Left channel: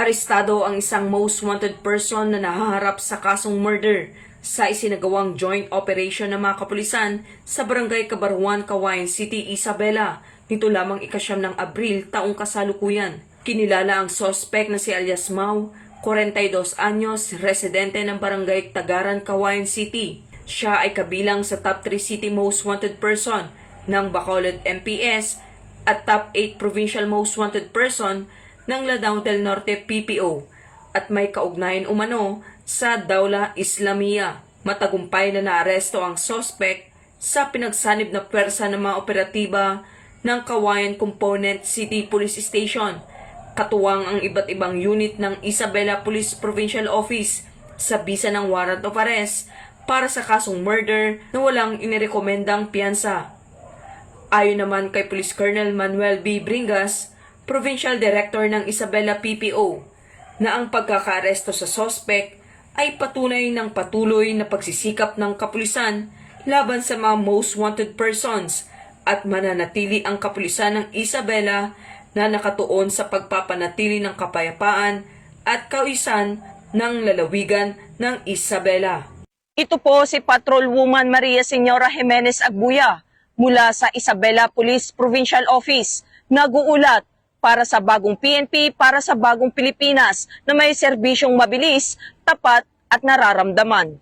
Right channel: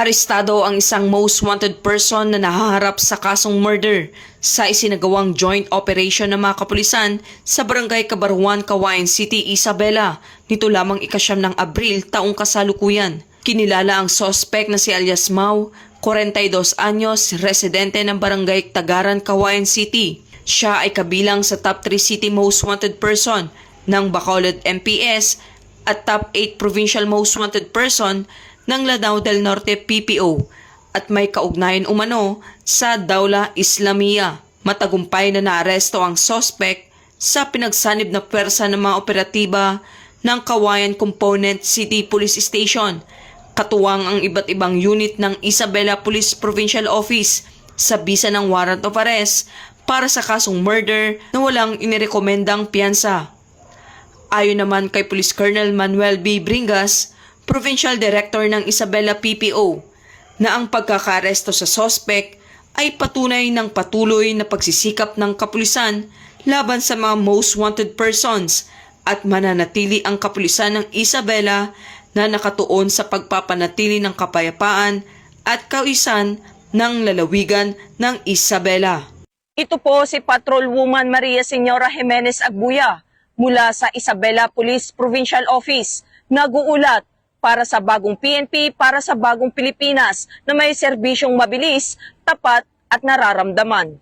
Arestado ang isang most wanted person na nahaharap sa kasong murder sa isinagawang joint operation ng mga kapulisan sa Barangay Kabaruan, Cagayan City, Isabela nito lamang ika-9 ng Abril taong kasalukuyan. Kinilala ang suspect na si alias Mau, 42 anyos, residente ng Barangay Tagaran, Cagayan City. Siya ay kabilang sa top 3 city most wanted person ng Bacolod MPS at top 8 provincial most wanted person ng Lanao del Norte PPO at may kaugnayan umano sa Dawla Islamiyya. Matagumpay na naaresto ang suspect sa pinagsanib na pwersa ng mga operatiba ng Cagayan Component City Police Station, katuwang ang iba't ibang unit ng Isabela Police Provincial Office sa bisa ng warrant of arrest para sa kasong murder na walang inirekomendang piyansa. Ayon naman kay Police Colonel Manuel B. Bringas, Provincial Director ng Isabela PPO, na ang pagkakaresto sa suspect ay patunay ng patuloy na pagsisikap ng kapulisan laban sa mga most wanted persons at mananatili ang kapulisan ng Isabela na nakatuon sa pagpapanatili ng kapayapaan at kaayusan ng lalawigan ng Isabela. Ito po si Patrolwoman Maria Señora Jimenez Agbuya mula sa Isabela Police Provincial Office, nag-uulat para sa bagong PNP, para sa bagong Pilipinas na may serbisyong mabilis, tapat at nararamdaman.